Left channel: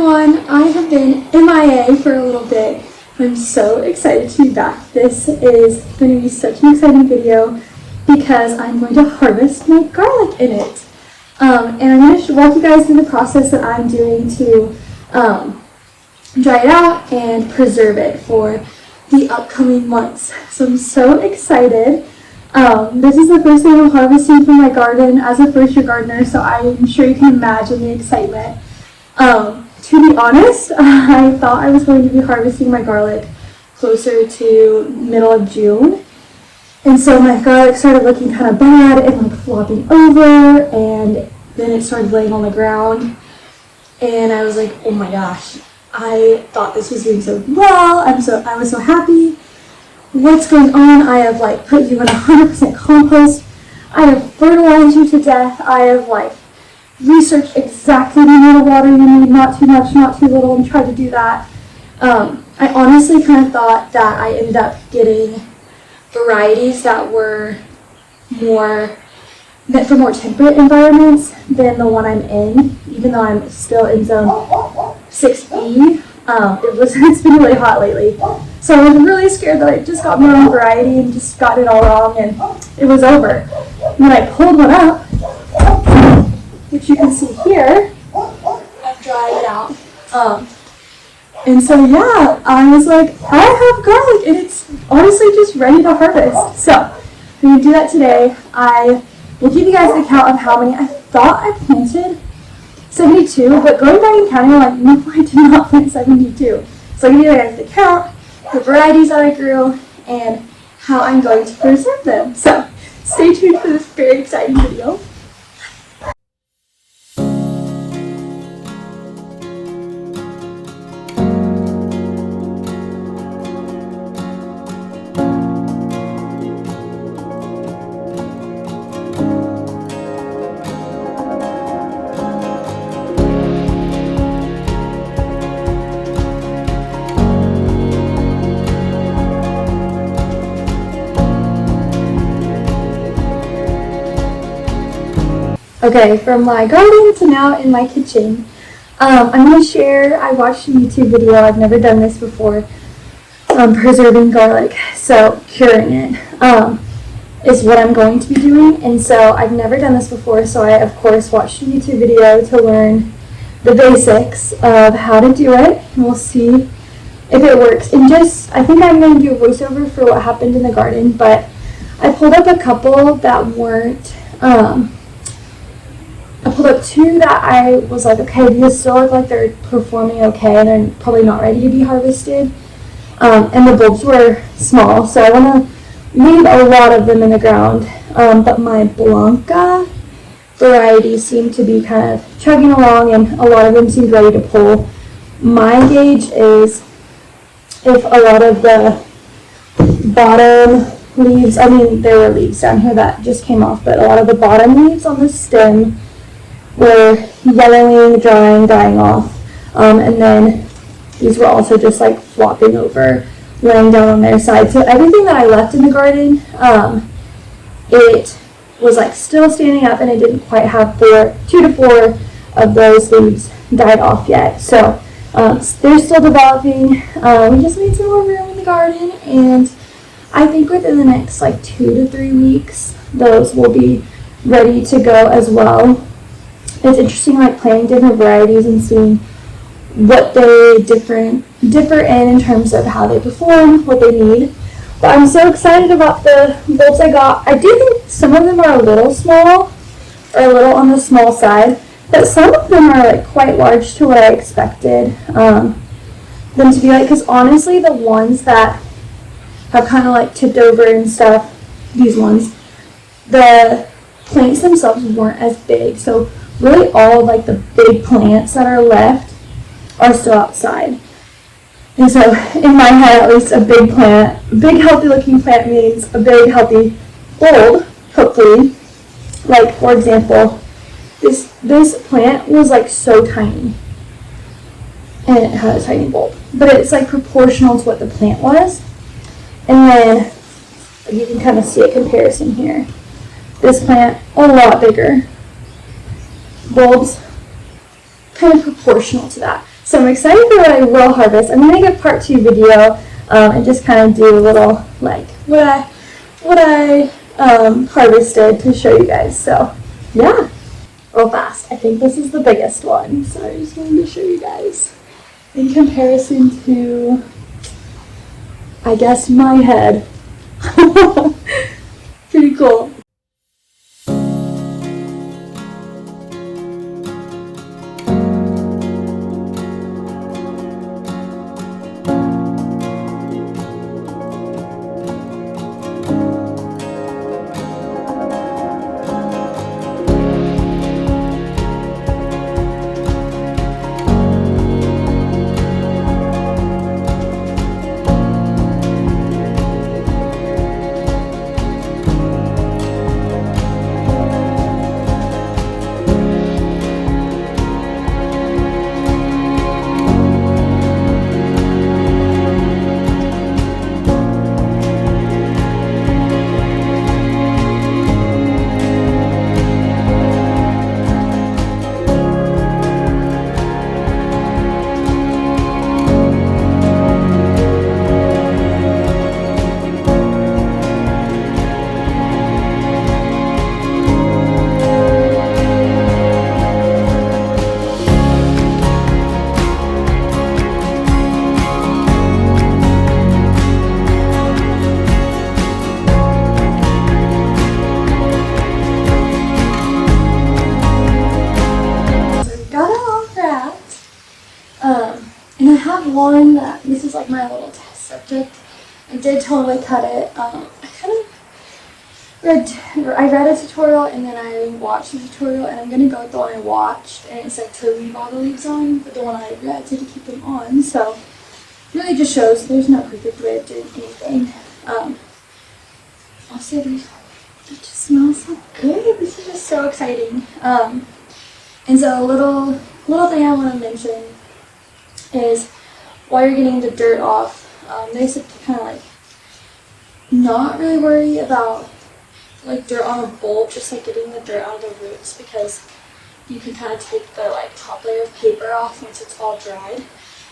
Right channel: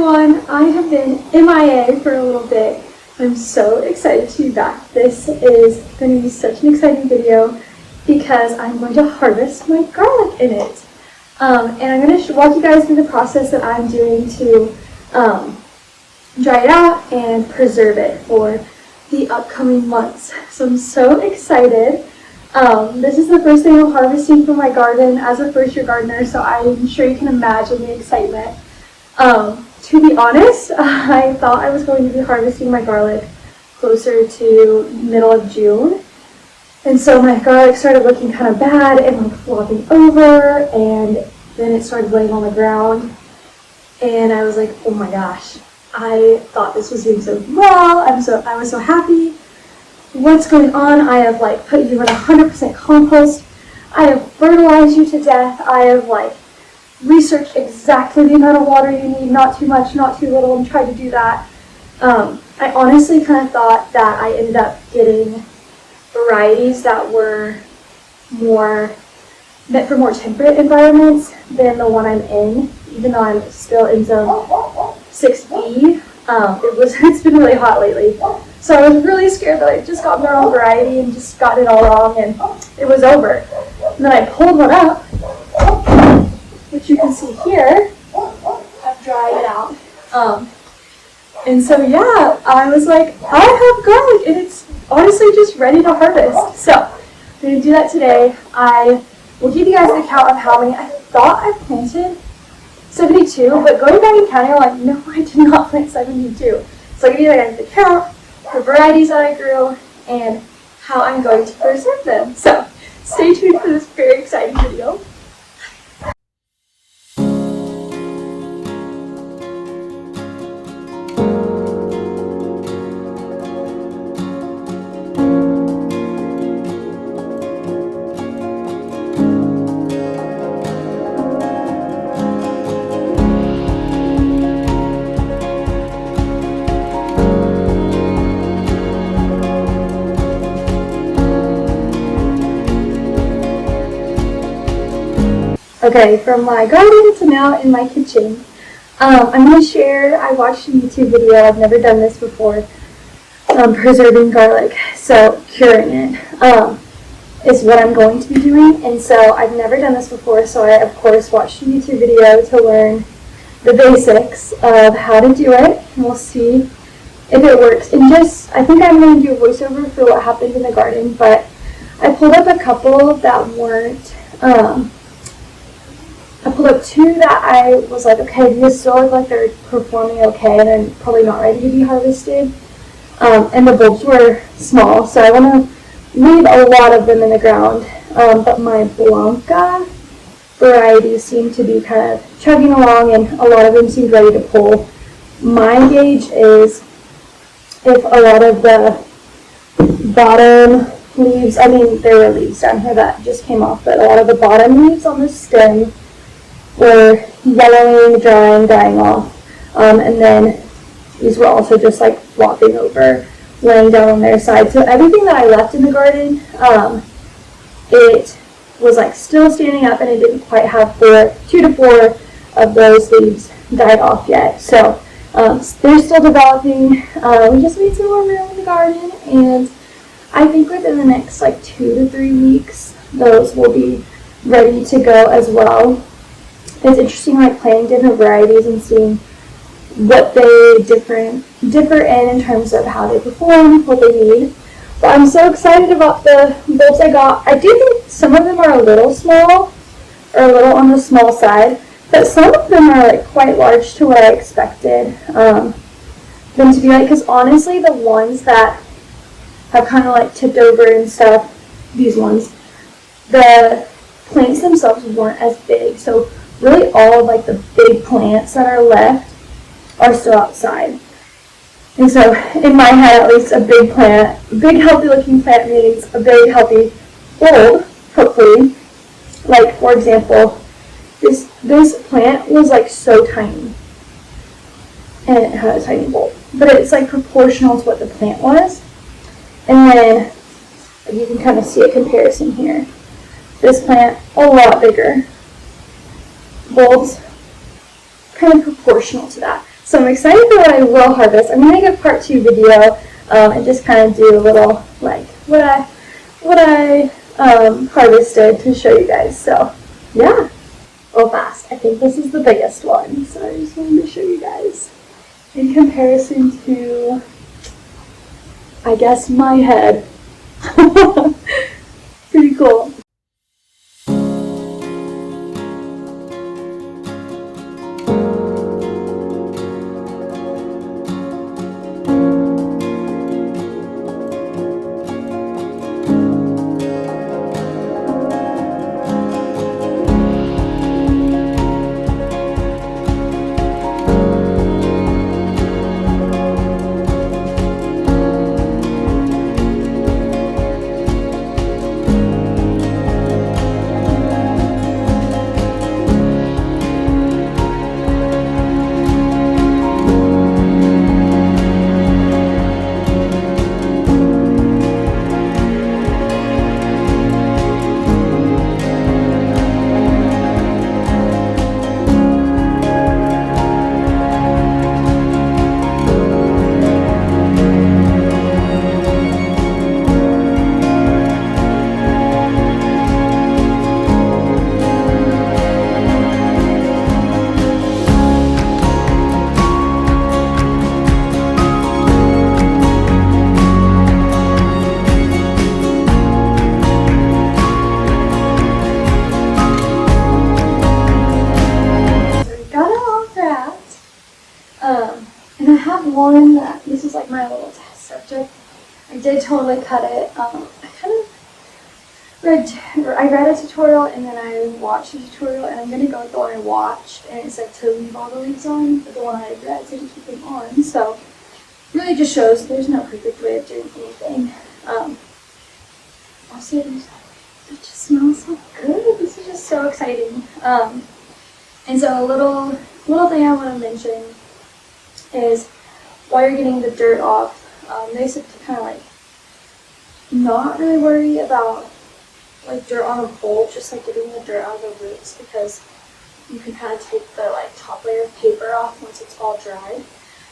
everyone, I have been MIA for a little bit. I'm so excited to be back. This is going to be such an exciting video because I'm going to harvest my garlic in it. And I'm going to walk you guys through the process that I'm doing to dry it out and preserve it for the upcoming months. So I'm so excited. This is the first thing I'm harvesting from my garden as a first-year gardener, so I'm sure you can imagine the excitement. To be honest, I thought I was going to be harvesting my garlic closer to middle of June. And so my garlic started looking kind of bad and like flopping over, and then it started laying on the ground. And I was like, oh my gosh, I thought this was doing so well. I was so happy. What's going on? I have like put you in 100% compost. I have fertilized you to death. I have like researched exactly the amount of water you need, not too much, not too little, and tried to do that. I honestly kind of thought that I ended up getting varieties that were meant for more temperate environments than the one I'm in, even though I'm still in zone 6B. It's been really hot lately. So I was really scared that I just got my own variety and just got it all wrong and it was over. And then I pulled one up, which you can see here. I've dried it out. And so yeah, I was like, I have garlic and it's honestly just ready to harvest. So I'm going to do that today. I will give you guys an account of how many. I thought I planted 72, but going back and counting, I'm like, no, I did not plant 72. So I'm going to give you guys an account, the varieties that I grew, and how I'm going to preserve them. So stay tuned for this very exciting video. Okay, from my garden to now in my kitchen. I'm going to share, I watched a YouTube video, I've never done this before, preserving garlic, so curing it, is what I'm going to be doing, and so I've never done this before, so I of course watched a YouTube video to learn the basics of how to do it, and we'll see if it works. And I think I'm going to do a voiceover for what happened in the garden, but I pulled up a couple that weren't, I pulled up two that I was like, okay, these still look like they're performing okay and they're probably not ready to be harvested. And the bulbs were small, so I want to leave a lot of them in the ground. But my Blanca varieties seem to be kind of chugging along and a lot of them seem ready to pull. My gauge is if a lot of the bottom leaves, I mean, there were leaves down here that just came off, but a lot of the bottom leaves on the stem were yellowing, drying, dying off. And then these were also just like flopping over, laying down on their side. So everything that I left in the garden, it was like still standing up and it didn't quite have 2 to 4 of those leaves died off yet. So they're still developing. We just need some more room in the garden, and I think within the next like 2 to 3 weeks, those will be ready to go as well. It's interesting like planting different varieties and seeing what they differ in terms of how they perform, what they need. But I'm so excited about the bulbs I got. I do think some of them are a little small, or a little on the small side, but some of them are like quite large to what I expected them to be like, because honestly the ones that have kind of like tipped over and stuff, these ones, the plants themselves weren't as big, so really all of like the big plants that are left are still outside. And so in my head, at least, a big plant, a big healthy looking plant means a big healthy bulb, hopefully. Like for example, this plant was like so tiny and it had a tiny bulb, but it's like proportional to what the plant was. And then you can kind of see a comparison here. This plant, a lot bigger. Bulbs, kind of proportional to that. So I'm excited for what I will harvest. I'm going to get part 2 video and just kind of do a little like what I harvested to show you guys. So yeah, real fast. I think this is the biggest one, so I just wanted to show you guys in comparison to, I guess, my head. Pretty cool. And I have one that, this is like my little test subject. I did totally cut it. I read a tutorial and then I watched the tutorial, and I'm going to go with the one I watched, and it said to leave all the leaves on, but the one I read said to keep them on, so really just shows there's no perfect way of doing anything. Also, it just smells so good. This is just so exciting. And so a little thing I want to mention is while you're getting the dirt off, they said to kind of like not really worry about like dirt on a bulb, just like getting the dirt out of the roots, because you can kind of take the like top layer of paper off once it's all dried.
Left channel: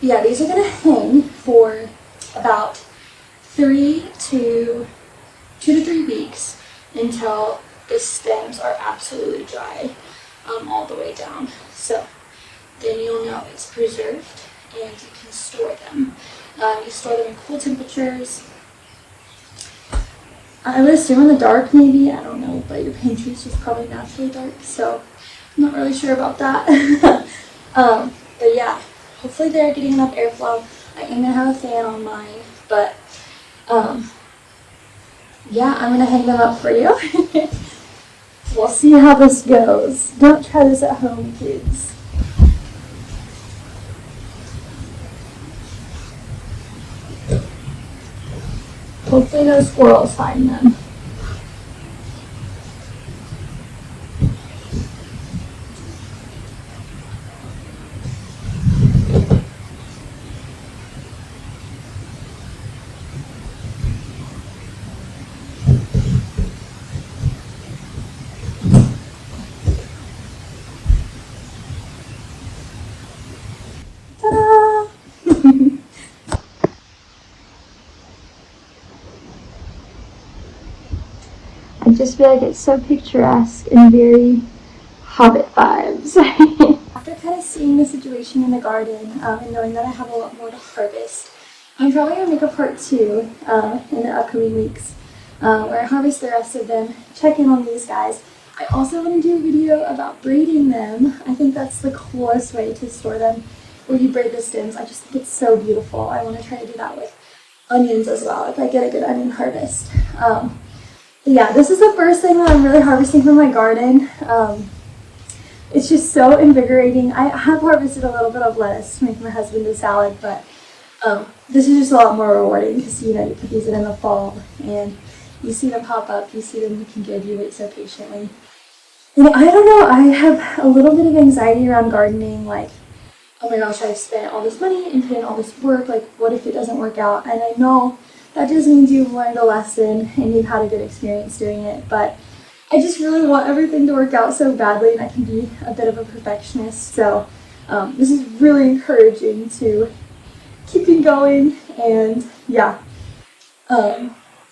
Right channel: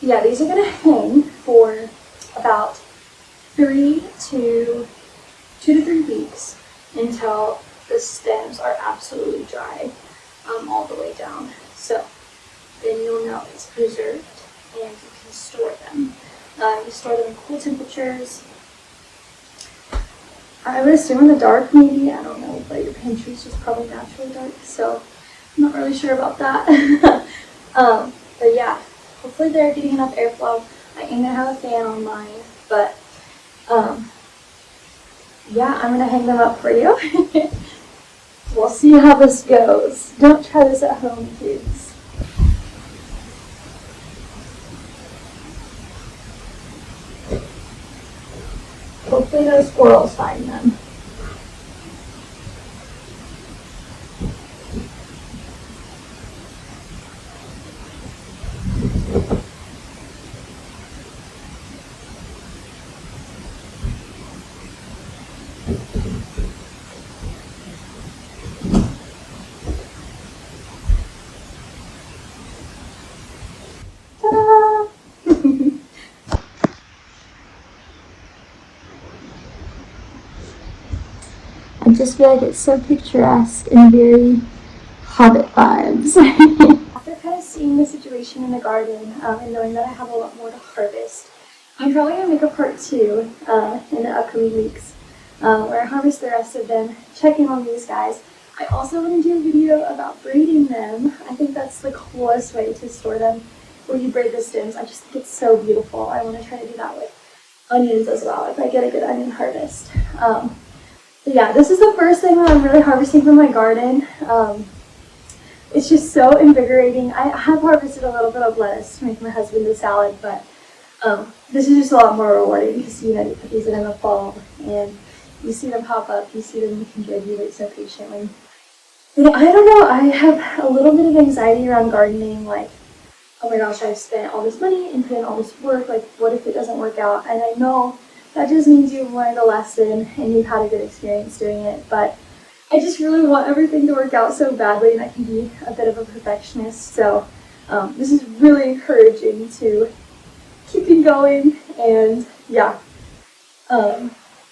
But yeah, these are gonna hang for about 2 to 3 weeks until the stems are absolutely dry all the way down. So then you'll know it's preserved and you can store them. You store them in cool temperatures. I would assume in the dark maybe, I don't know, but your pantry is just probably naturally dark, so I'm not really sure about that. But yeah, hopefully they're getting enough airflow. I am going to have a fan on mine, but yeah, I'm going to hang them up for you. We'll see how this goes. Don't try this at home, kids. Hopefully no squirrels find them. Ta-da! I just feel like it's so picturesque and very Hobbit vibes. After kind of seeing the situation in the garden and knowing that I have a lot more to harvest, I'm probably going to make a part 2 in the upcoming weeks where I harvest the rest of them, check in on these guys. I also want to do a video about braiding them. I think that's the coolest way to store them, where you braid the stems. I just think it's so beautiful. I want to try to do that with onions as well if I get a good onion harvest. But yeah, this is the first thing that I'm really harvesting from my garden. It's just so invigorating. I have harvested a little bit of lettuce to make my husband a salad, but this is just a lot more rewarding to see that you could use it in the fall and you see them pop up, you see them looking good, you wait so patiently. And I don't know, I have a little bit of anxiety around gardening, like, oh my gosh, I've spent all this money and put in all this work, like, what if it doesn't work out? And I know that just means you've learned a lesson and you've had a good experience doing it, but I just really want everything to work out so badly, and I can be a bit of a perfectionist, so this is really encouraging to keeping going, and yeah,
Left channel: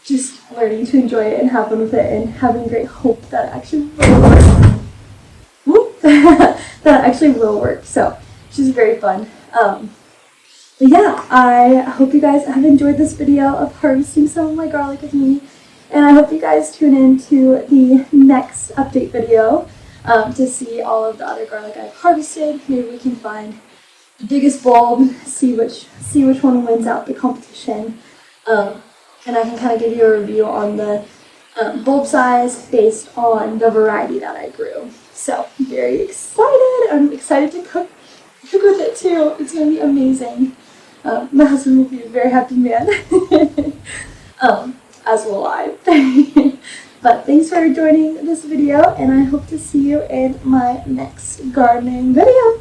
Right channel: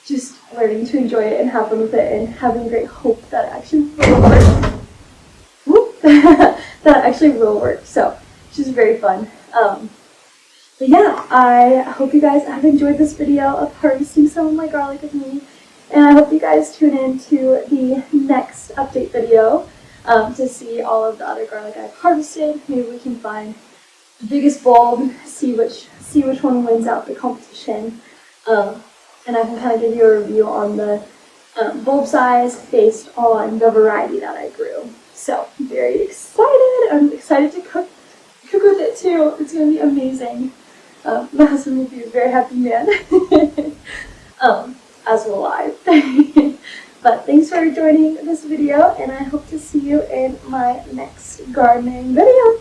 just learning to enjoy it and have fun with it, and having great hope that it actually will work. Whoop. That it actually will work. So, which is very fun. But yeah, I hope you guys have enjoyed this video of harvesting some of my garlic with me, and I hope you guys tune in to the next update video to see all of the other garlic I've harvested. Maybe we can find the biggest bulb, see which one wins out the competition, and I can kind of give you a review on the bulb size based on the variety that I grew. So very excited! I'm excited to cook with it too. It's gonna be amazing. My husband will be a very happy man, as will I. But thanks for joining this video, and I hope to see you in my next gardening video.